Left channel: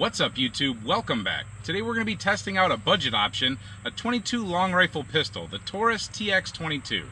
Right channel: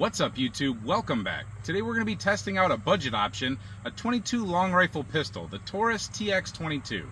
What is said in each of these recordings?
What's up, YouTube? Welcome back. Today we're going to be testing out a budget option, a 22 long rifle pistol, the Taurus TX-22.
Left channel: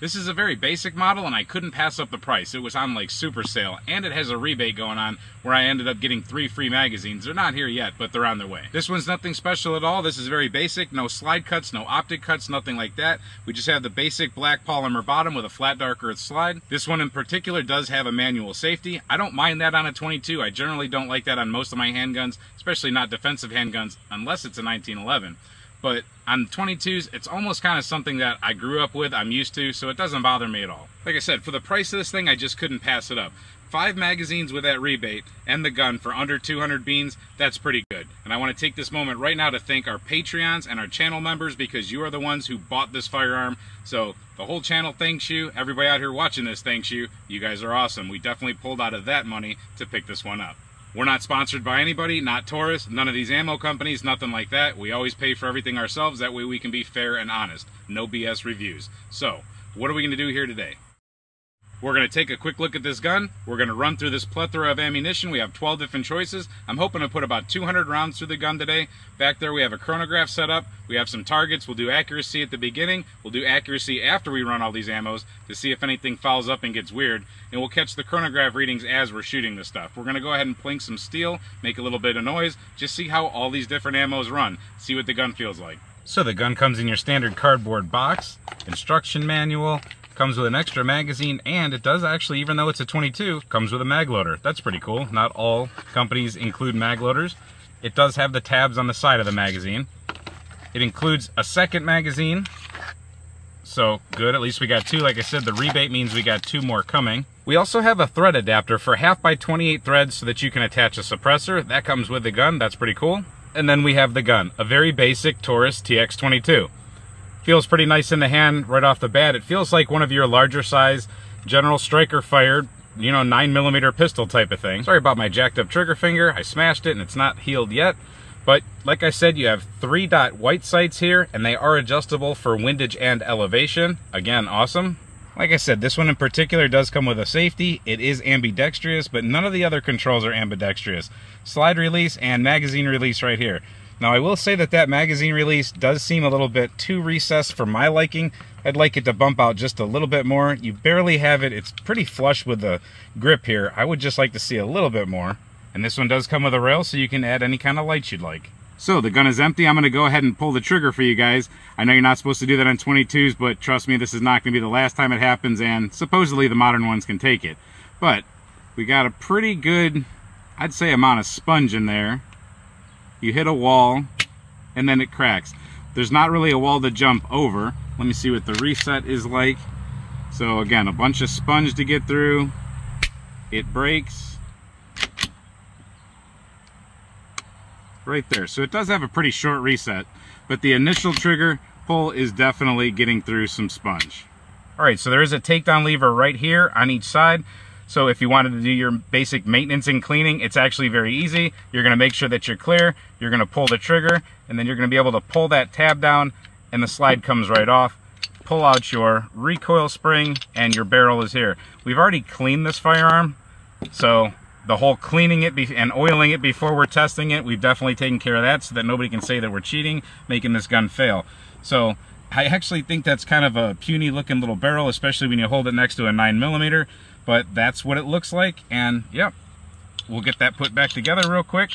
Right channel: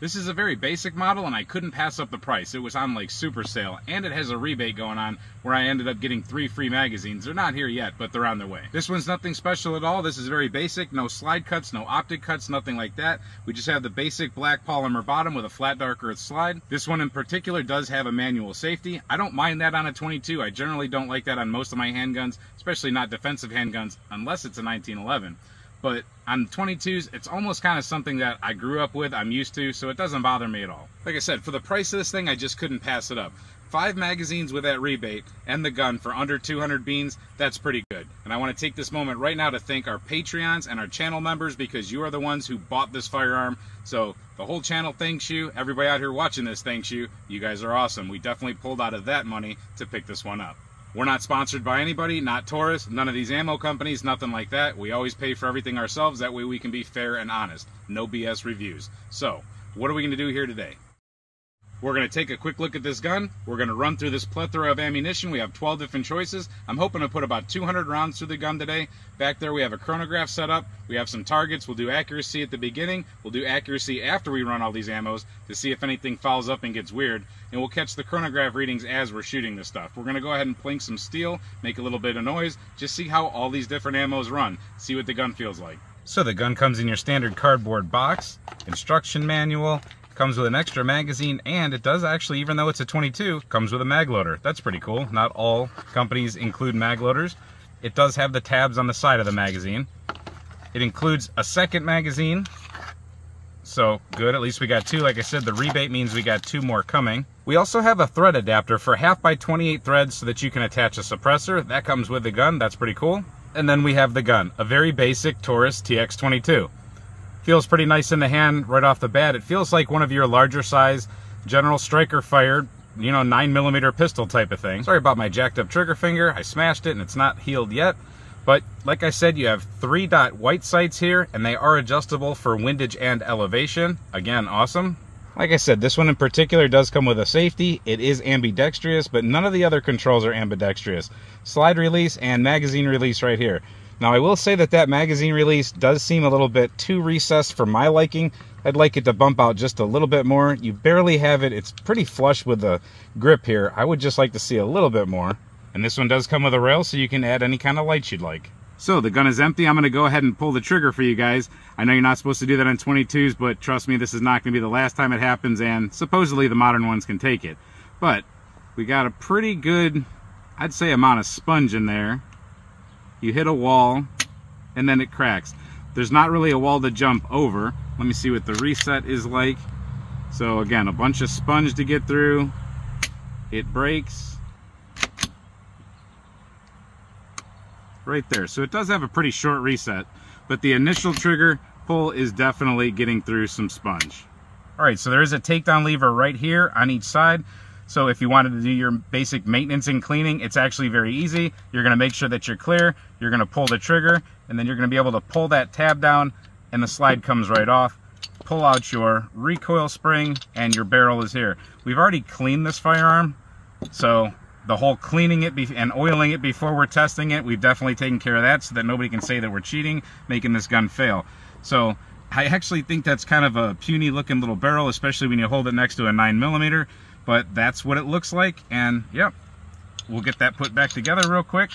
This is a very basic model and I couldn't pass up the price. It was on like super sale and it has a rebate going on where I ended up getting 3 free magazines. They're not here yet, but they're on their way. This one's nothing special at all. This is very basic. No slide cuts, no optic cuts, nothing like that. We just have the basic black polymer bottom with a flat dark earth slide. This one in particular does have a manual safety. I don't mind that on a 22. I generally don't like that on most of my handguns, especially not defensive handguns unless it's a 1911. But on 22s, it's almost kind of something that I grew up with, I'm used to, so it doesn't bother me at all. Like I said, for the price of this thing, I just couldn't pass it up. 5 magazines with that rebate and the gun for under 200 beans, that's pretty good. And I want to take this moment right now to thank our Patreons and our channel members because you are the ones who bought this firearm. So the whole channel thanks you. Everybody out here watching this thanks you. You guys are awesome. We definitely pulled out of that money to pick this one up. We're not sponsored by anybody, not Taurus, none of these ammo companies, nothing like that. We always pay for everything ourselves. That way we can be fair and honest. No BS reviews. So, what are we going to do here today? We're going to take a quick look at this gun. We're going to run through this plethora of ammunition. We have 12 different choices. I'm hoping to put about 200 rounds through the gun today. Back there we have a chronograph set up. We have some targets. We'll do accuracy at the beginning. We'll do accuracy after we run all these ammos to see if anything fouls up and gets weird. And we'll catch the chronograph readings as we're shooting this stuff. We're going to go ahead and plink some steel, make a little bit of noise, just see how all these different ammos run, see what the gun feels like. So the gun comes in your standard cardboard box, instruction manual, comes with an extra magazine, and it does actually, even though it's a 22, comes with a mag loader. That's pretty cool. Not all companies include mag loaders. It does have the tabs on the side of the magazine. It includes a second magazine, so good, at least we got 2. Like I said, the rebate means we got 2 more coming. We also have a thread adapter for 1/2x28 threads so that you can attach a suppressor. That comes with the gun. That's pretty cool. And then we have the gun, a very basic Taurus TX-22. Feels pretty nice in the hand right off the bat. It feels like one of your larger size General Striker fired, you know, 9mm pistol type of thing. Sorry about my jacked up trigger finger. I smashed it and it's not healed yet. But like I said, you have 3-dot white sights here and they are adjustable for windage and elevation. Again, awesome. Like I said, this one in particular does come with a safety. It is ambidextrous, but none of the other controls are ambidextrous. Slide release and magazine release right here. Now I will say that that magazine release does seem a little bit too recessed for my liking. I'd like it to bump out just a little bit more. You barely have it. It's pretty flush with the grip here. I would just like to see a little bit more. And this one does come with a rail so you can add any kind of lights you'd like. So the gun is empty. I'm going to go ahead and pull the trigger for you guys. I know you're not supposed to do that on 22s, but trust me, this is not going to be the last time it happens, and supposedly the modern ones can take it. But we got a pretty good, I'd say, amount of sponge in there. You hit a wall, and then it cracks. There's not really a wall to jump over. Let me see what the reset is like. So again, a bunch of sponge to get through. It breaks. Right there. So it does have a pretty short reset, but the initial trigger pull is definitely getting through some sponge. All right, so there is a takedown lever right here on each side. So if you wanted to do your basic maintenance and cleaning, it's actually very easy. You're going to make sure that you're clear. You're going to pull the trigger, and then you're going to be able to pull that tab down, and the slide comes right off. Pull out your recoil spring, and your barrel is here. We've already cleaned this firearm, so the whole cleaning it and oiling it before we're testing it, we've definitely taken care of that so that nobody can say that we're cheating, making this gun fail. So I actually think that's kind of a puny looking little barrel, especially when you hold it next to a 9mm. But that's what it looks like, and yep, we'll get that put back together real quick.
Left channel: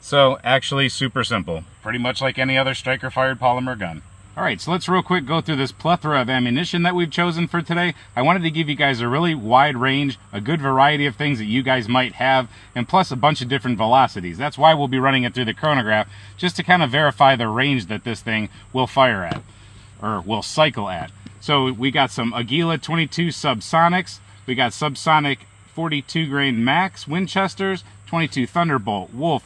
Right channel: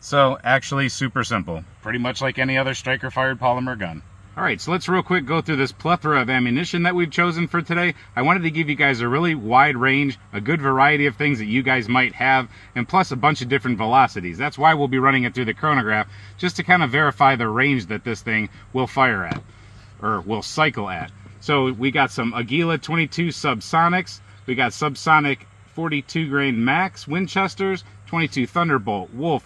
So actually super simple, pretty much like any other striker fired polymer gun. Alright, so let's real quick go through this plethora of ammunition that we've chosen for today. I wanted to give you guys a really wide range, a good variety of things that you guys might have, and plus a bunch of different velocities. That's why we'll be running it through the chronograph, just to kind of verify the range that this thing will fire at, or will cycle at. So we got some Aguila 22 subsonics, we got subsonic 42 grain Max Winchesters, 22 Thunderbolt, Wolf,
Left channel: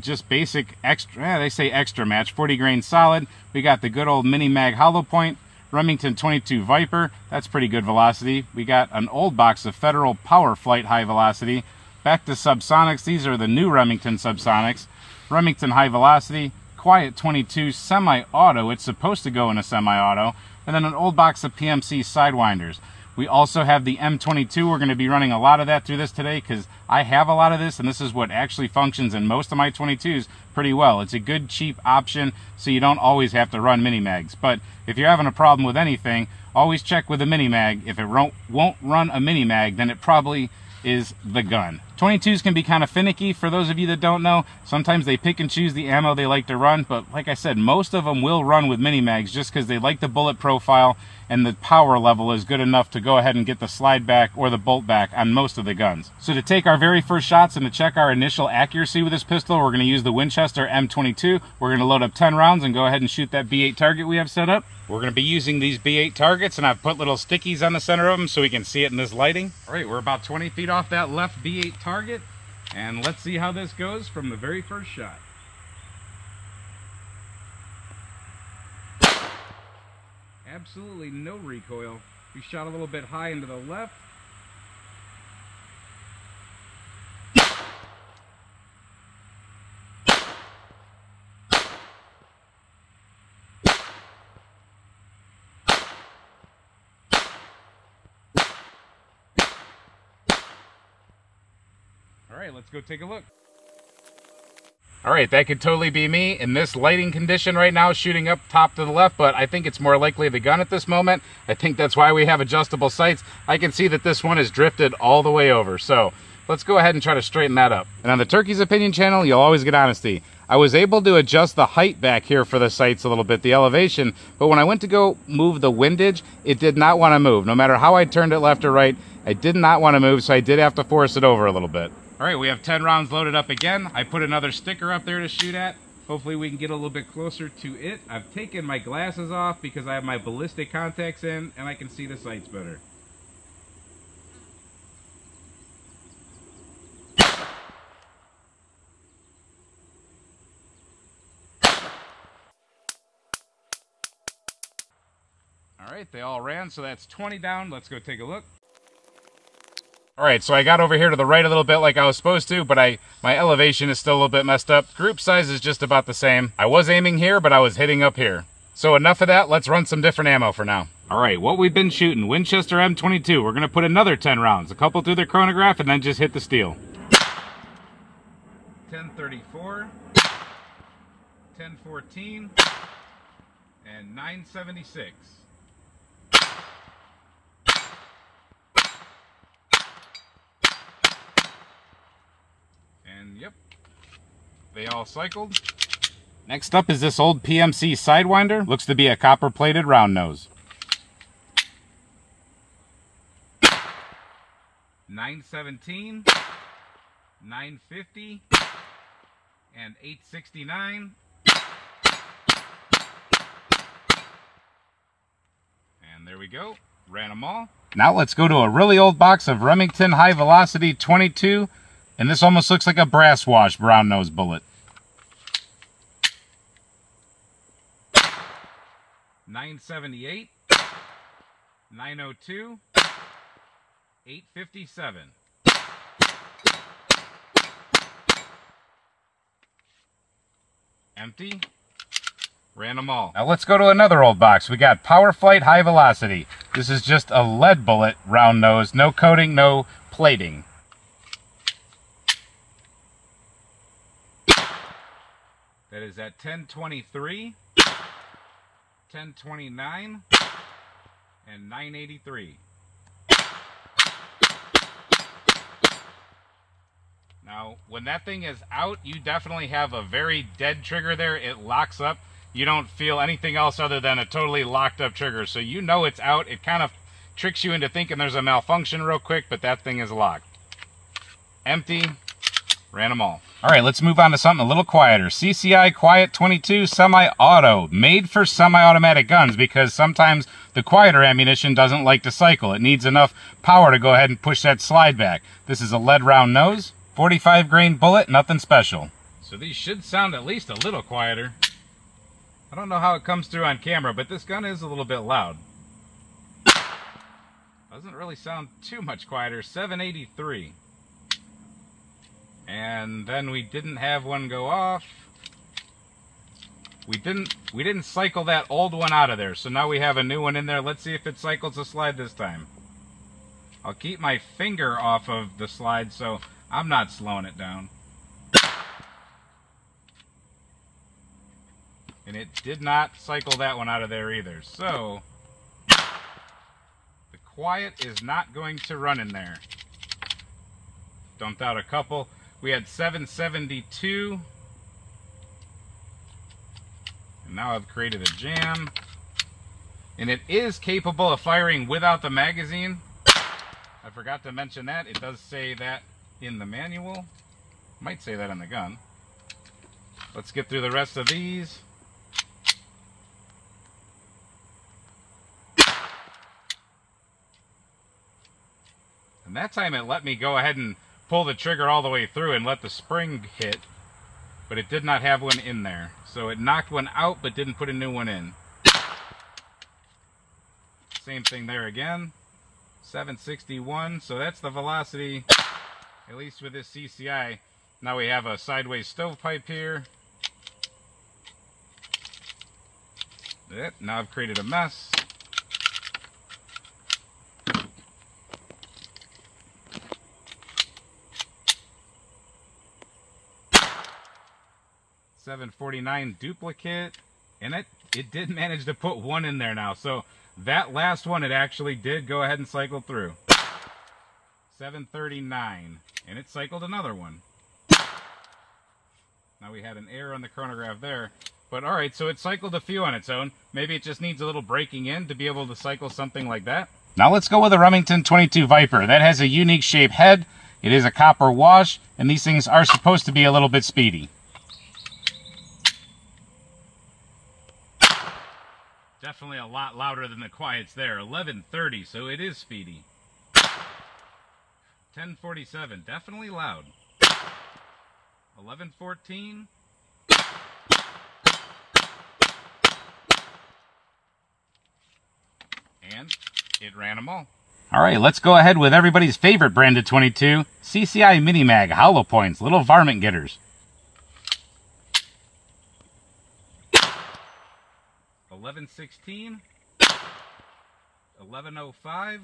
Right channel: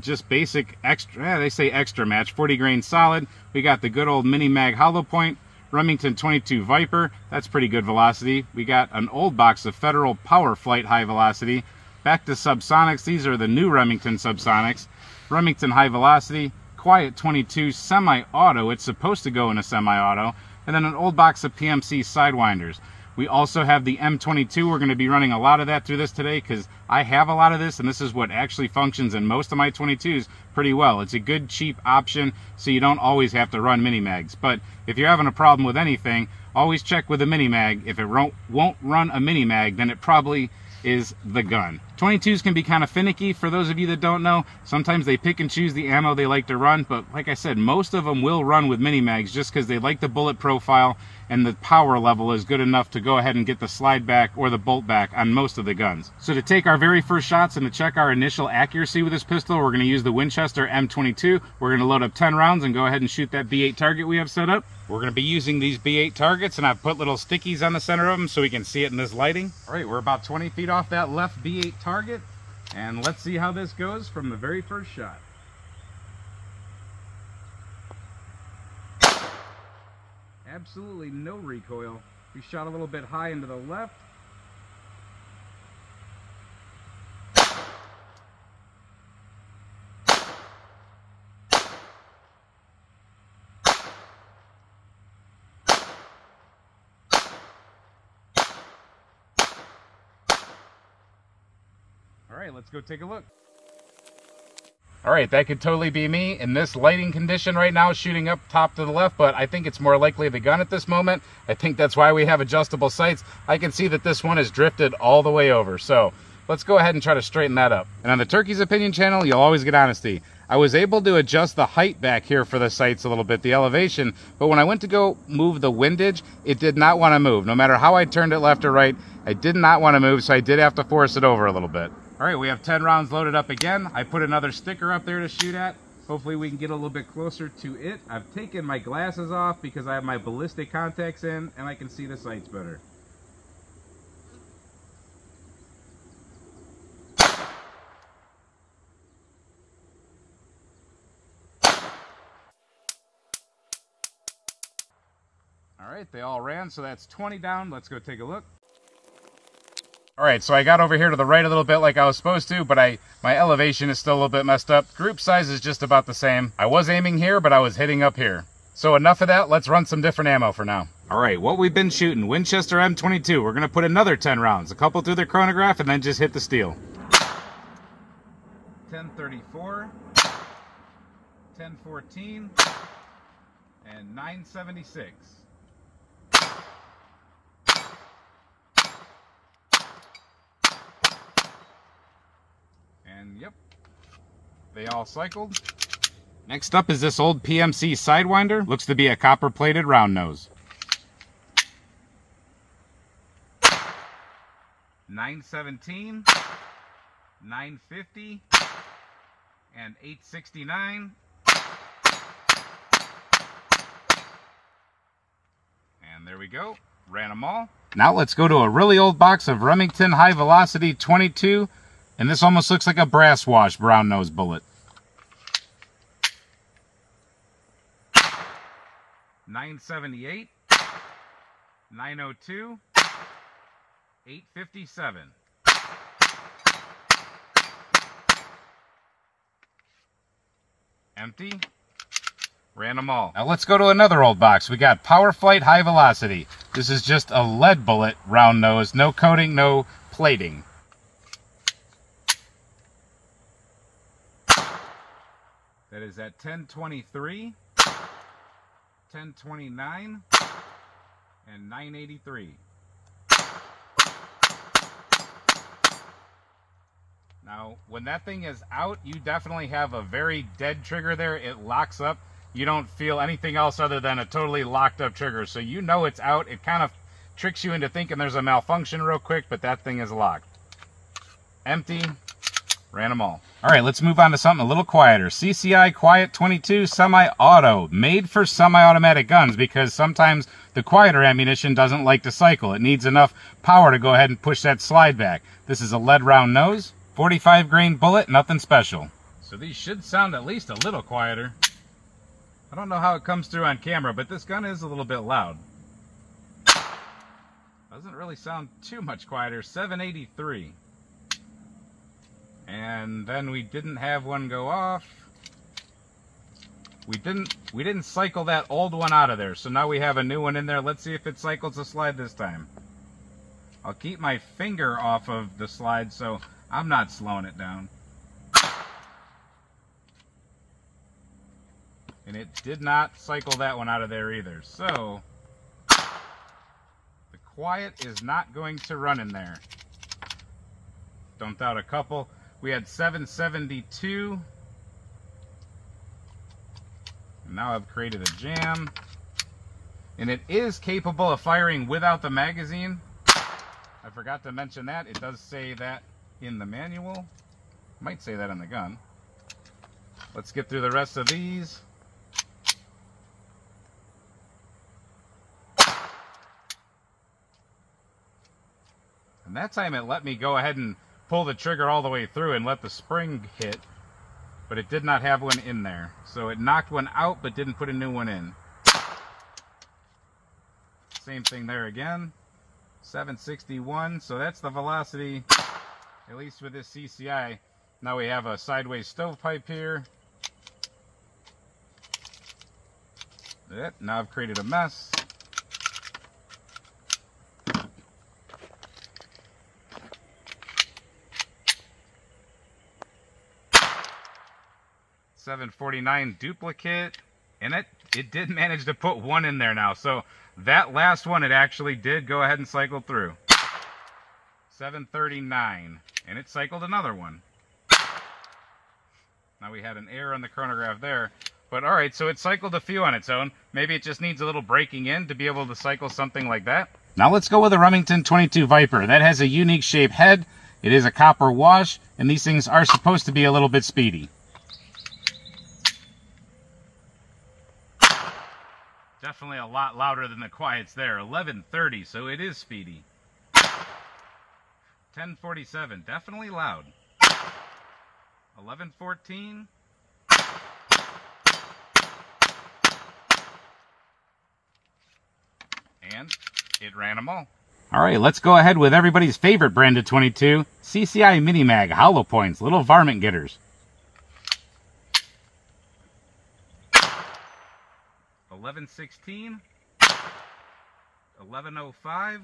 just basic extra, they say extra match, 40 grain solid. We got the good old mini mag hollow point, Remington 22 Viper, that's pretty good velocity. We got an old box of Federal Power Flight high velocity, Back to subsonics. These are the new Remington subsonics. Remington high velocity, quiet 22, semi-auto. It's supposed to go in a semi-auto. And then an old box of PMC sidewinders. We also have the M22. We're going to be running a lot of that through this today because I have a lot of this, and this is what actually functions in most of my 22s pretty well. It's a good, cheap option, so you don't always have to run mini mags. But if you're having a problem with anything, always check with a mini mag. If it won't run a mini mag, then it probably is the gun. 22s can be kind of finicky for those of you that don't know. Sometimes they pick and choose the ammo they like to run, but like I said, most of them will run with mini mags just because they like the bullet profile and the power level is good enough to go ahead and get the slide back or the bolt back on most of the guns. So to take our very first shots and to check our initial accuracy with this pistol, we're going to use the Winchester M22. We're going to load up 10 rounds and go ahead and shoot that B8 target we have set up. We're going to be using these B8 targets, and I've put little stickies on the center of them so we can see it in this lighting. All right, we're about 20 feet off that left B8 target, and let's see how this goes from the very first shot. Absolutely no recoil. We shot a little bit high into the left. All right, let's go take a look. All right, that could totally be me in this lighting condition right now, shooting up top to the left, but I think it's more likely the gun at this moment. I think that's why we have adjustable sights. I can see that this one has drifted all the way over, so let's go ahead and try to straighten that up. And on the Turkey's Opinion channel, you'll always get honesty. I was able to adjust the height back here for the sights a little bit, the elevation, but when I went to go move the windage, it did not want to move. No matter how I turned it left or right, I did not want to move, so I did have to force it over a little bit. All right, we have 10 rounds loaded up again. I put another sticker up there to shoot at. Hopefully we can get a little bit closer to it. I've taken my glasses off because I have my ballistic contacts in and I can see the sights better. All right, they all ran, so that's 20 down. Let's go take a look. All right, so I got over here to the right a little bit like I was supposed to, but my elevation is still a little bit messed up. Group size is just about the same. I was aiming here, but I was hitting up here. So enough of that, let's run some different ammo for now. All right, what we've been shooting, Winchester M22. We're gonna put another 10 rounds, a couple through the chronograph and then just hit the steel. 1034, 1014, and 976. And yep, they all cycled. Next up is this old PMC Sidewinder. Looks to be a copper-plated round nose. 917, 950, and 869. And there we go, ran them all. Now let's go to a really old box of Remington High Velocity 22. And this almost looks like a brass wash brown nose bullet. 978, 902, 857. Empty. Ran them all. Now let's go to another old box. We got Power Flight High Velocity. This is just a lead bullet round nose, no coating, no plating. That is at 1023, 1029, and 983. Now, when that thing is out, you definitely have a very dead trigger there. It locks up. You don't feel anything else other than a totally locked up trigger. So you know it's out. It kind of tricks you into thinking there's a malfunction real quick, but that thing is locked. Empty. Ran them all. All right, let's move on to something a little quieter. CCI Quiet 22 semi-auto, made for semi-automatic guns because sometimes the quieter ammunition doesn't like to cycle. It needs enough power to go ahead and push that slide back. This is a lead round nose, 45 grain bullet, nothing special. So these should sound at least a little quieter. I don't know how it comes through on camera, but this gun is a little bit loud. Doesn't really sound too much quieter. 783. And then we didn't have one go off. We didn't cycle that old one out of there, so now we have a new one in there. Let's see if it cycles the slide this time. I'll keep my finger off of the slide so I'm not slowing it down. And it did not cycle that one out of there either. So the quiet is not going to run in there. Dumped out a couple. We had 772. And now I've created a jam. And it is capable of firing without the magazine. I forgot to mention that. It does say that in the manual. Might say that on the gun. Let's get through the rest of these. And that time it let me go ahead and pull the trigger all the way through and let the spring hit. But it did not have one in there. So it knocked one out but didn't put a new one in. Same thing there again. 761. So that's the velocity, at least with this CCI. Now we have a sideways stovepipe here. Now I've created a mess. $749 duplicate, and it did manage to put one in there now. So that last one, it actually did go ahead and cycle through. $739, and it cycled another one. Now we had an error on the chronograph there, but all right, so it cycled a few on its own. Maybe it just needs a little breaking in to be able to cycle something like that. Now let's go with a Remington 22 Viper. That has a unique shaped head. It is a copper wash, and these things are supposed to be a little bit speedy. Definitely a lot louder than the quiets there. 1130, so it is speedy. 1047, definitely loud. 1114. And it ran them all. All right, let's go ahead with everybody's favorite branded 22, CCI Mini Mag hollow points, little varmint getters. 1116, 1105,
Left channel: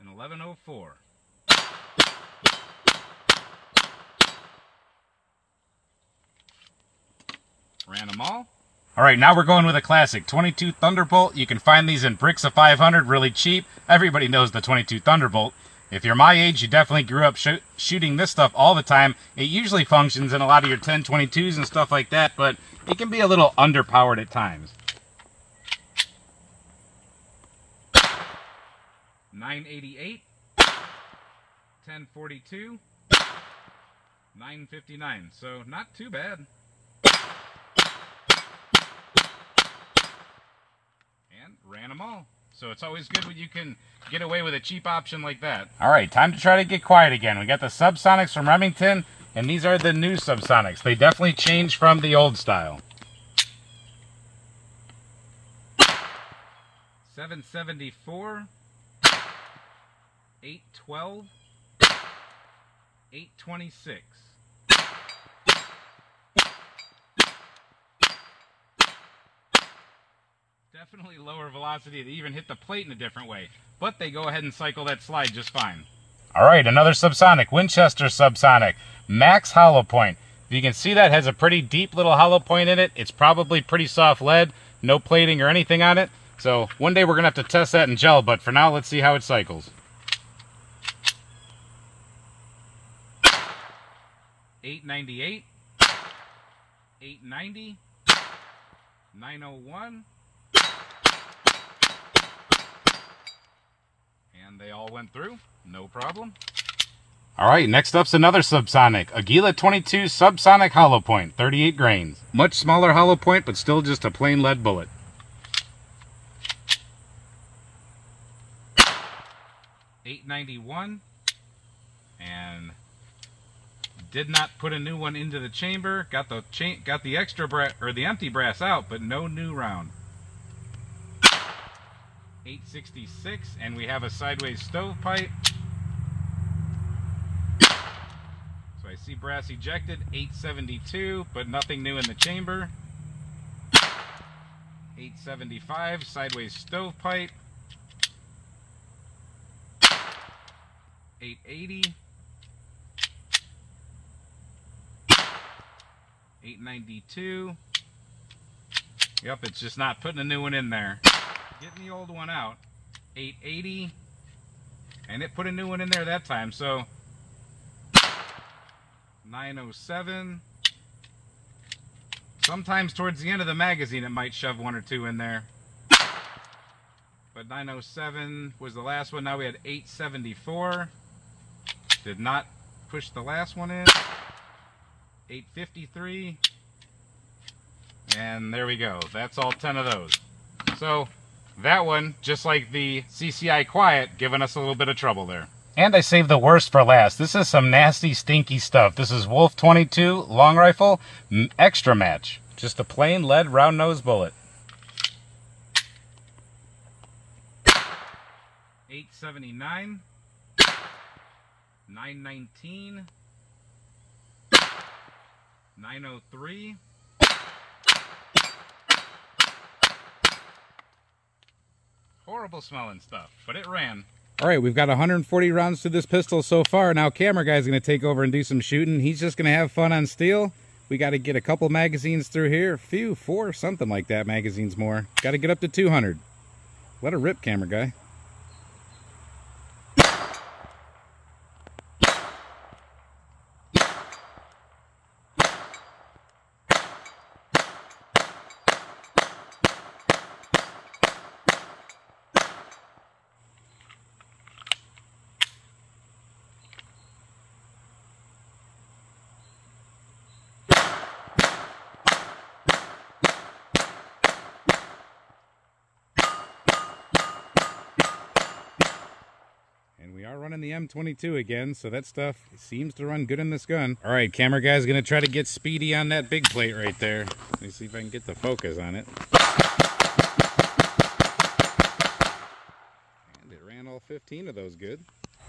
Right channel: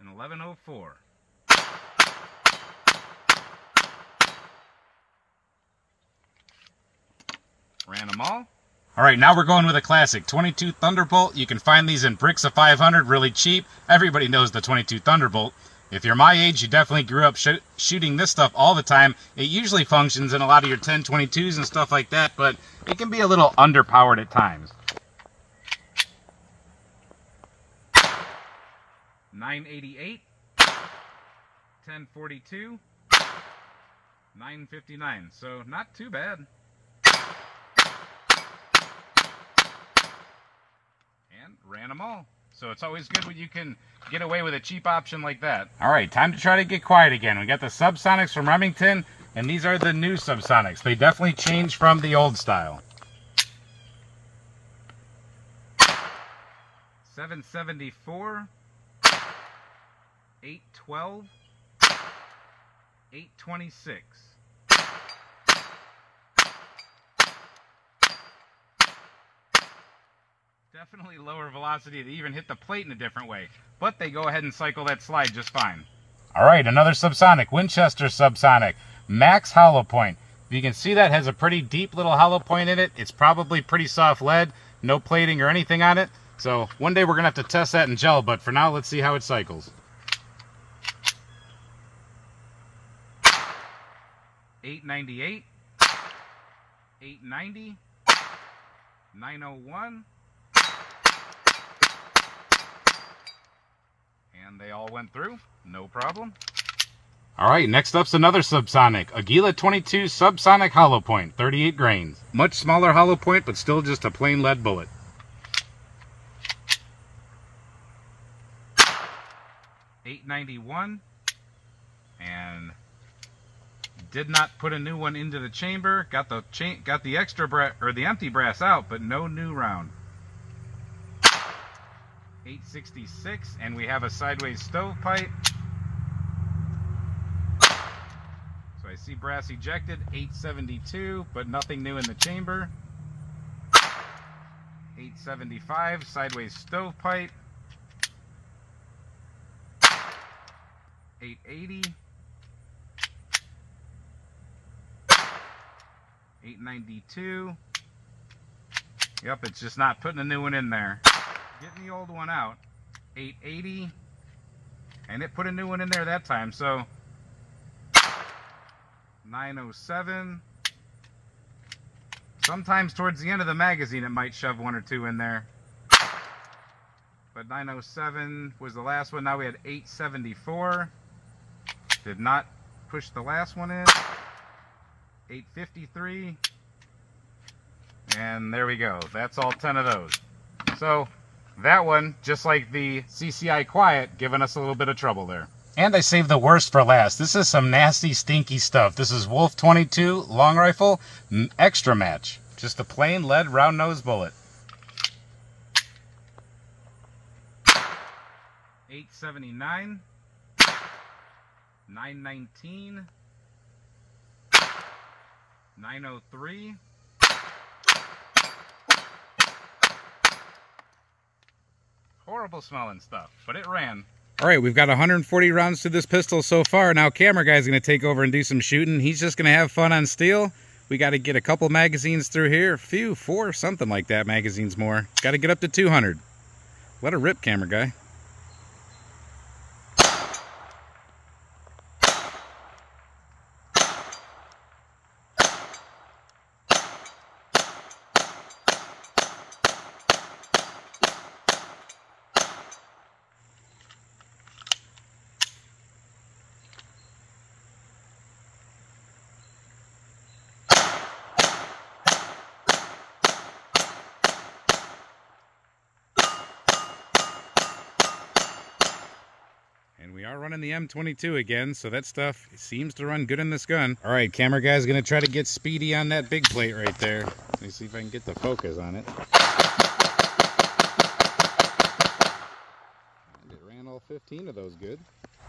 and 1104. Ran them all. All right, now we're going with a classic 22 Thunderbolt. You can find these in bricks of 500, really cheap. Everybody knows the 22 Thunderbolt. If you're my age, you definitely grew up shooting this stuff all the time. It usually functions in a lot of your 1022s and stuff like that, but it can be a little underpowered at times. 988, 1042, 959. So not too bad. And ran them all. So it's always good when you can get away with a cheap option like that. All right, time to try to get quiet again. We got the Subsonics from Remington, and these are the new Subsonics. They definitely changed from the old style. 774, 812, 826. Definitely lower velocity to even hit the plate in a different way, but they go ahead and cycle that slide just fine. All right, another Subsonic, Winchester Subsonic, Max hollow point. You can see that has a pretty deep little hollow point in it. It's probably pretty soft lead, no plating or anything on it. So one day we're gonna have to test that in gel, but for now, let's see how it cycles. 898, 890, 901. And they all went through, no problem. All right, next up's another Subsonic, Aguila 22 Subsonic hollow point, 38 grains. Much smaller hollow point, but still just a plain lead bullet. 891, and did not put a new one into the chamber. Got the extra brass or the empty brass out, but no new round. 866, and we have a sideways stovepipe. I see brass ejected, 872, but nothing new in the chamber. 875, sideways stovepipe. 880. 892. Yep, it's just not putting a new one in there. Getting the old one out. 880. And it put a new one in there that time, so 907. Sometimes towards the end of the magazine it might shove one or two in there. But 907 was the last one. Now we had 874. Did not push the last one in. 853. And there we go. That's all 10 of those. So that one, just like the CCI Quiet, giving us a little bit of trouble there. And I saved the worst for last. This is some nasty, stinky stuff. This is Wolf 22 long rifle extra match. Just a plain lead round nose bullet. 879. 919. 903. Horrible smelling stuff, but it ran. All right, we've got 140 rounds to this pistol so far. Now camera guy's going to take over and do some shooting. He's just going to have fun on steel. We got to get a couple magazines through here. A few, 4, something like that, magazines more. Got to get up to 200. Let her rip, camera guy. We are running the M22 again, so that stuff seems to run good in this gun. All right, camera guy's gonna try to get speedy on that big plate right there. Let me see if I can get the focus on it. And it ran all 15 of those good.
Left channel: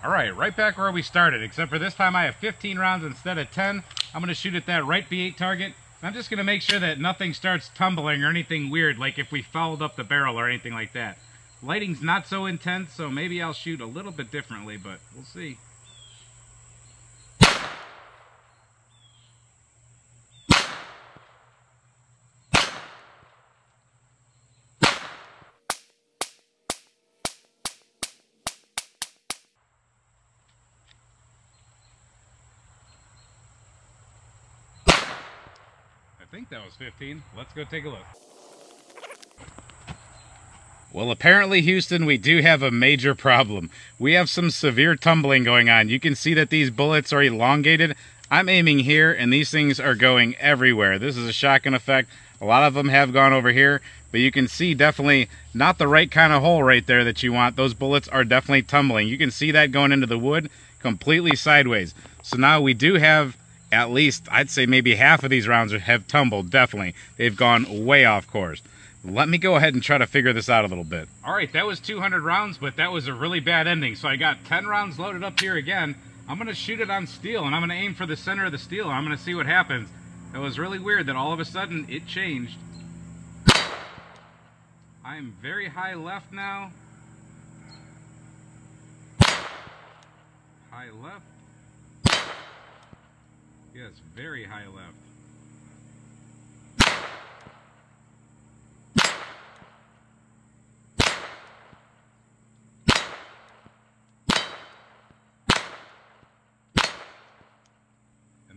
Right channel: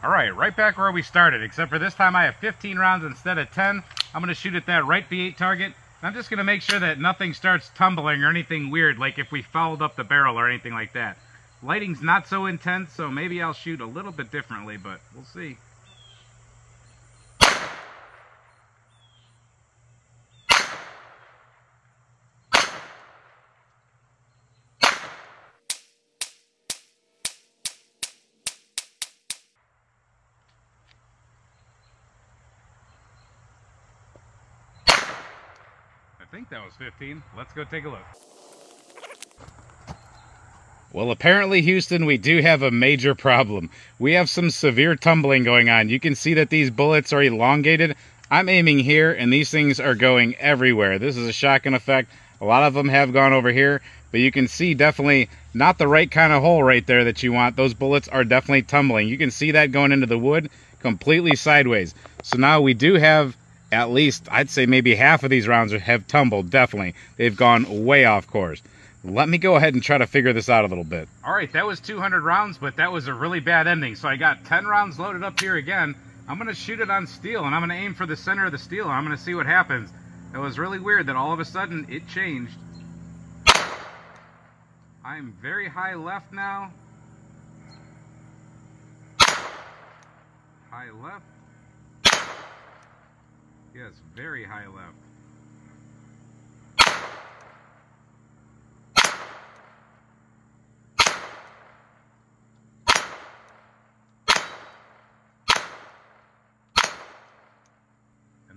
All right back where we started, except for this time I have 15 rounds instead of 10. I'm gonna shoot at that right V8 target. I'm just gonna make sure that nothing starts tumbling or anything weird, like if we fouled up the barrel or anything like that. Lighting's not so intense, so maybe I'll shoot a little bit differently, but we'll see. I think that was 15. Let's go take a look. Well, apparently, Houston, we do have a major problem. We have some severe tumbling going on. You can see that these bullets are elongated. I'm aiming here, and these things are going everywhere. This is a shotgun effect. A lot of them have gone over here, but you can see definitely not the right kind of hole right there that you want. Those bullets are definitely tumbling. You can see that going into the wood completely sideways. So now we do have at least, I'd say maybe half of these rounds have tumbled, definitely. They've gone way off course. Let me go ahead and try to figure this out a little bit. All right, that was 200 rounds, but that was a really bad ending. So I got 10 rounds loaded up here again. I'm going to shoot it on steel, and I'm going to aim for the center of the steel, and I'm going to see what happens. It was really weird that all of a sudden it changed. I'm very high left now. High left. Yes, very high left.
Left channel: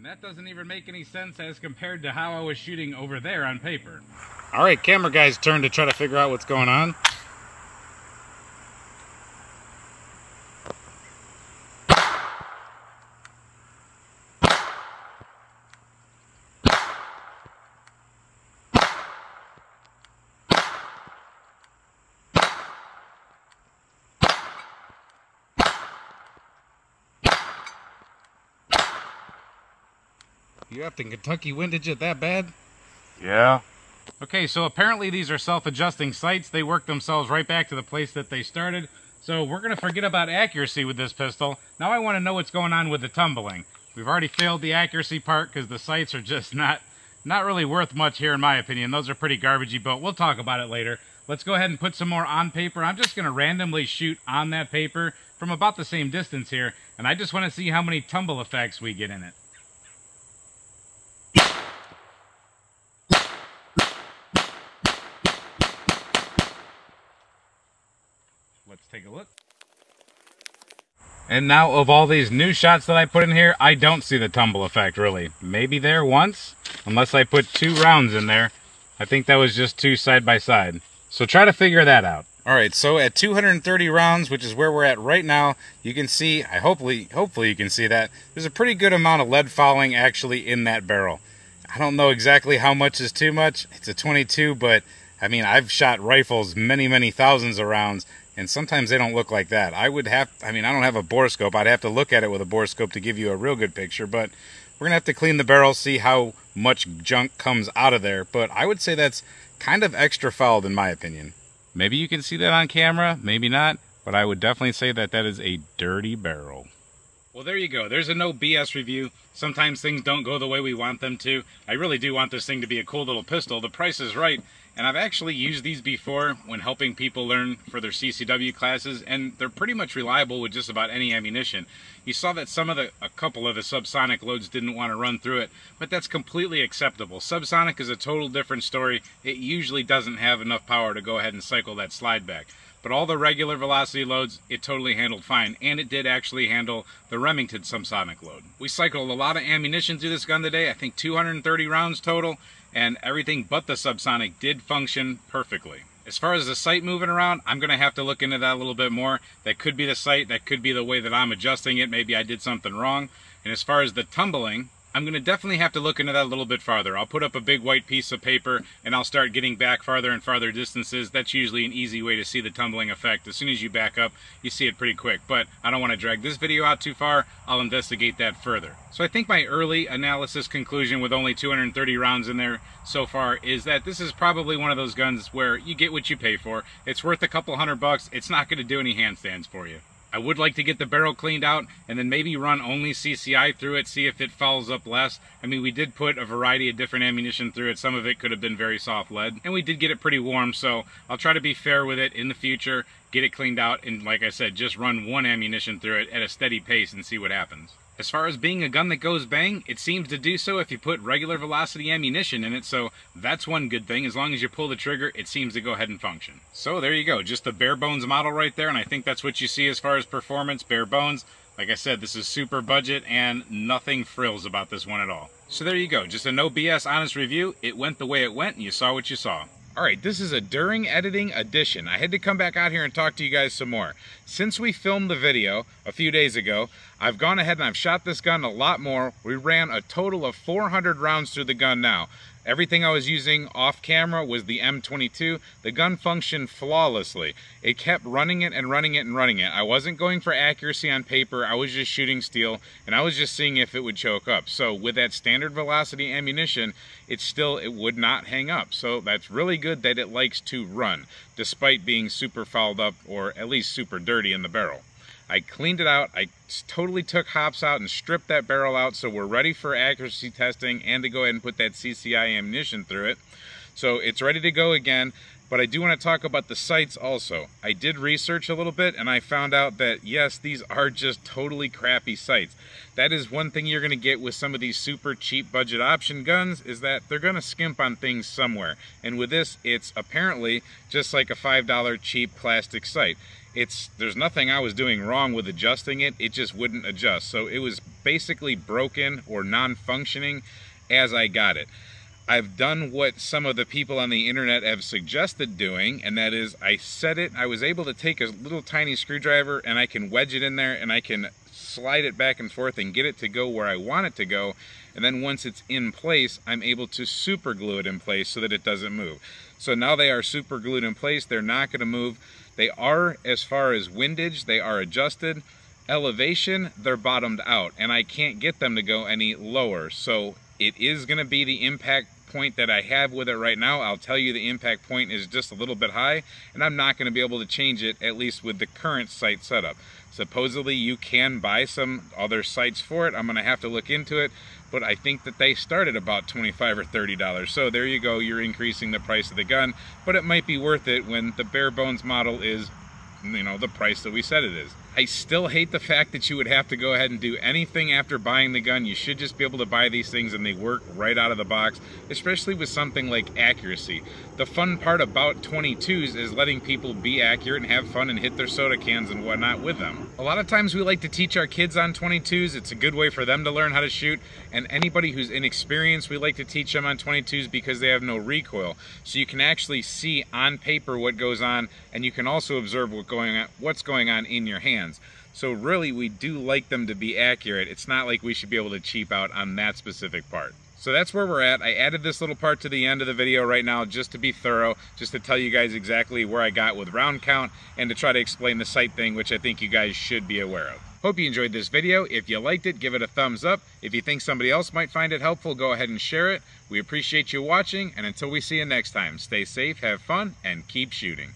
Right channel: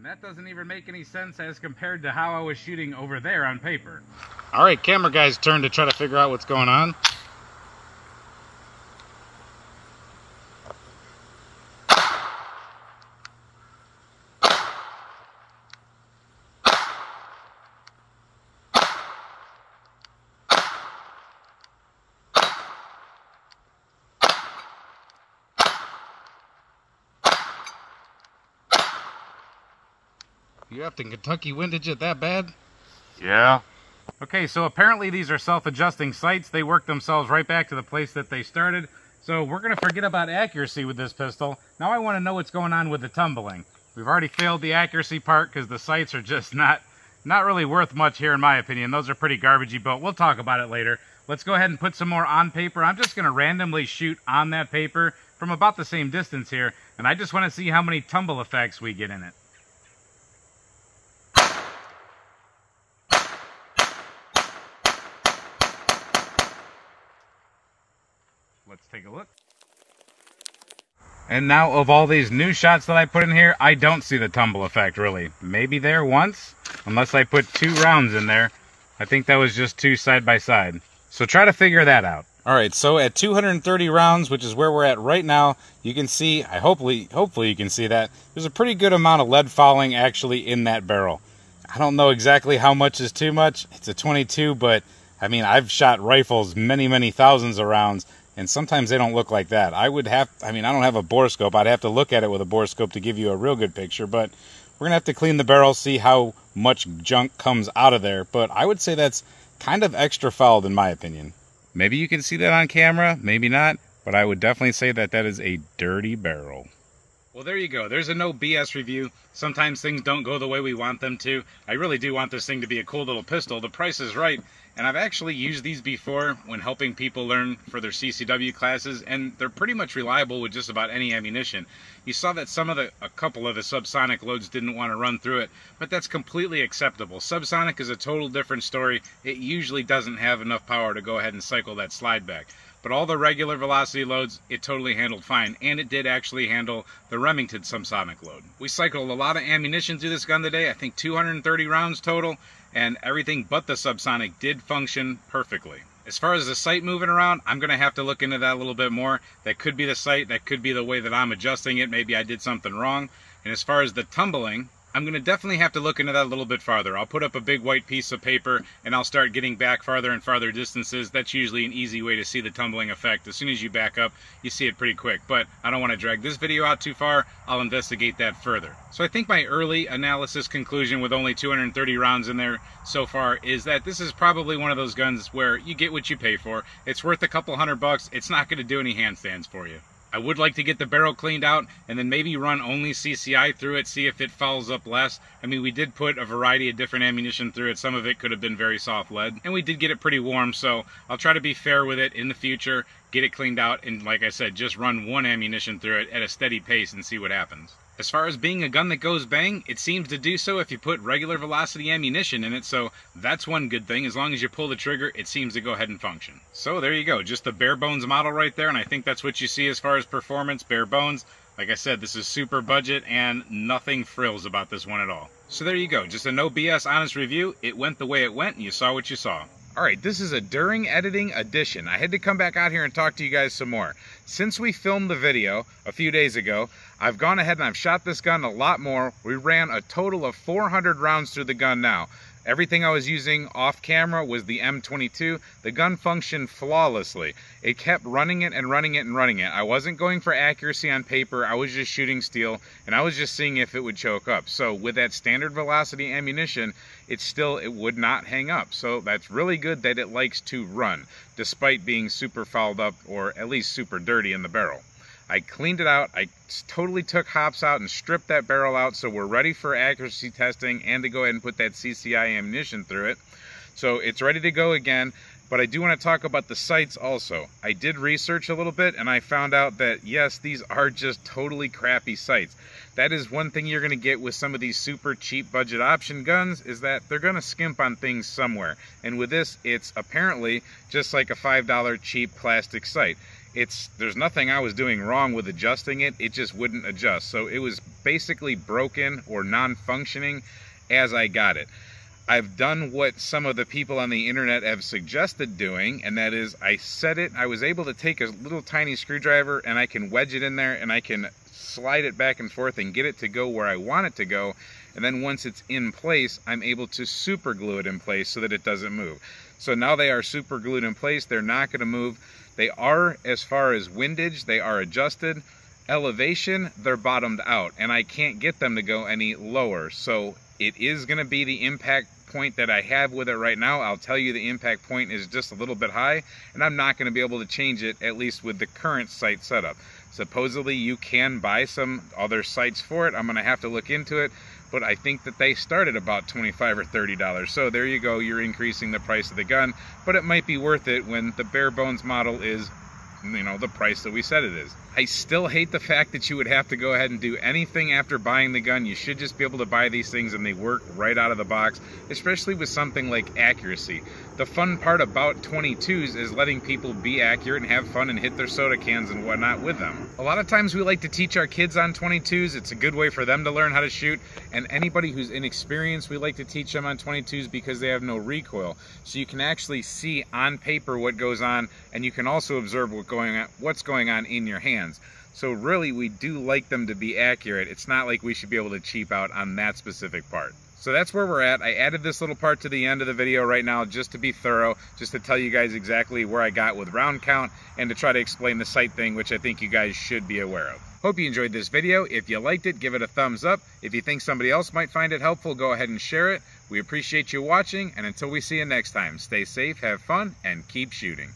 That doesn't even make any sense as compared to how I was shooting over there on paper. All right, camera guy's turn to try to figure out what's going on. You have to Kentucky windage it that bad? Yeah. Okay, so apparently these are self-adjusting sights. They work themselves right back to the place that they started. So we're going to forget about accuracy with this pistol. Now I want to know what's going on with the tumbling. We've already failed the accuracy part because the sights are just not really worth much here in my opinion. Those are pretty garbagey, but we'll talk about it later. Let's go ahead and put some more on paper. I'm just going to randomly shoot on that paper from about the same distance here, and I just want to see how many tumble effects we get in it. Let's take a look. And now, of all these new shots that I put in here, I don't see the tumble effect, really. Maybe there once, unless I put 2 rounds in there. I think that was just 2 side by side. So try to figure that out. Alright, so at 230 rounds, which is where we're at right now, you can see, hopefully you can see that, there's a pretty good amount of lead fouling actually in that barrel. I don't know exactly how much is too much. It's a 22, but, I mean, I've shot rifles many thousands of rounds, and sometimes they don't look like that. I don't have a borescope. I'd have to look at it with a borescope to give you a real good picture, but we're going to have to clean the barrel, see how much junk comes out of there. But I would say that's kind of extra fouled in my opinion. Maybe you can see that on camera, maybe not, but I would definitely say that that is a dirty barrel. Well, there you go. There's a no BS review. Sometimes things don't go the way we want them to. I really do want this thing to be a cool little pistol. The price is right. And I've actually used these before when helping people learn for their CCW classes, and they're pretty much reliable with just about any ammunition. You saw that a couple of the subsonic loads didn't want to run through it, but that's completely acceptable. Subsonic is a total different story. It usually doesn't have enough power to go ahead and cycle that slide back. But all the regular velocity loads, it totally handled fine, and it did actually handle the Remington subsonic load. We cycled a lot of ammunition through this gun today, I think 230 rounds total, and everything but the subsonic did function perfectly. As far as the sight moving around, I'm going to have to look into that a little bit more. That could be the sight, that could be the way that I'm adjusting it, maybe I did something wrong. And as far as the tumbling, I'm going to definitely have to look into that a little bit farther. I'll put up a big white piece of paper and I'll start getting back farther and farther distances. That's usually an easy way to see the tumbling effect. As soon as you back up, you see it pretty quick. But I don't want to drag this video out too far. I'll investigate that further. So I think my early analysis conclusion with only 230 rounds in there so far is that this is probably one of those guns where you get what you pay for. It's worth a couple $100. It's not going to do any handstands for you. I would like to get the barrel cleaned out and then maybe run only CCI through it, see if it fouls up less. I mean, we did put a variety of different ammunition through it. Some of it could have been very soft lead, and we did get it pretty warm, so I'll try to be fair with it in the future, get it cleaned out, and like I said, just run one ammunition through it at a steady pace and see what happens. As far as being a gun that goes bang, it seems to do so if you put regular velocity ammunition in it, so that's one good thing. As long as you pull the trigger, it seems to go ahead and function. So there you go, just the bare bones model right there, and I think that's what you see as far as performance, bare bones. Like I said, this is super budget and nothing frills about this one at all. So there you go, just a no BS honest review. It went the way it went and you saw what you saw. Alright, this is a during editing edition. I had to come back out here and talk to you guys some more. Since we filmed the video a few days ago, I've gone ahead and I've shot this gun a lot more. We ran a total of 400 rounds through the gun now. Everything I was using off camera was the M22. The gun functioned flawlessly. It kept running it and running it and running it. I wasn't going for accuracy on paper. I was just shooting steel and I was just seeing if it would choke up. So with that standard velocity ammunition, it would not hang up. So that's really good that it likes to run despite being super fouled up or at least super dirty in the barrel. I cleaned it out. I totally took hops out and stripped that barrel out, so we're ready for accuracy testing and to go ahead and put that CCI ammunition through it. So it's ready to go again, but I do want to talk about the sights also. I did research a little bit and I found out that yes, these are just totally crappy sights. That is one thing you're going to get with some of these super cheap budget option guns, is that they're going to skimp on things somewhere. And with this, it's apparently just like a $5 cheap plastic sight. There's nothing I was doing wrong with adjusting it, it just wouldn't adjust. So it was basically broken or non-functioning as I got it. I've done what some of the people on the internet have suggested doing, and that is I was able to take a little tiny screwdriver and I can wedge it in there and I can slide it back and forth and get it to go where I want it to go. And then once it's in place, I'm able to super glue it in place so that it doesn't move. So now they are super glued in place, they're not going to move. They are, as far as windage, they are adjusted. Elevation, they're bottomed out, and I can't get them to go any lower. So It is going to be the impact point that I have with it right now. I'll tell you the impact point is just a little bit high, and I'm not going to be able to change it, at least with the current sight setup. Supposedly you can buy some other sights for it. I'm going to have to look into it, but I think that they start at about $25 or $30. So there you go, you're increasing the price of the gun, but it might be worth it when the bare bones model is, you know, the price that we said it is. I still hate the fact that you would have to go ahead and do anything after buying the gun. You should just be able to buy these things and they work right out of the box, especially with something like accuracy. The fun part about 22s is letting people be accurate and have fun and hit their soda cans and whatnot with them. A lot of times we like to teach our kids on 22s. It's a good way for them to learn how to shoot, and anybody who's inexperienced, we like to teach them on 22s because they have no recoil. So you can actually see on paper what goes on, and you can also observe what's going on in your hands. So really, we do like them to be accurate. It's not like we should be able to cheap out on that specific part. So that's where we're at. I added this little part to the end of the video right now just to be thorough, just to tell you guys exactly where I got with round count and to try to explain the sight thing, which I think you guys should be aware of. Hope you enjoyed this video. If you liked it, give it a thumbs up. If you think somebody else might find it helpful, go ahead and share it. We appreciate you watching, and until we see you next time, stay safe, have fun, and keep shooting.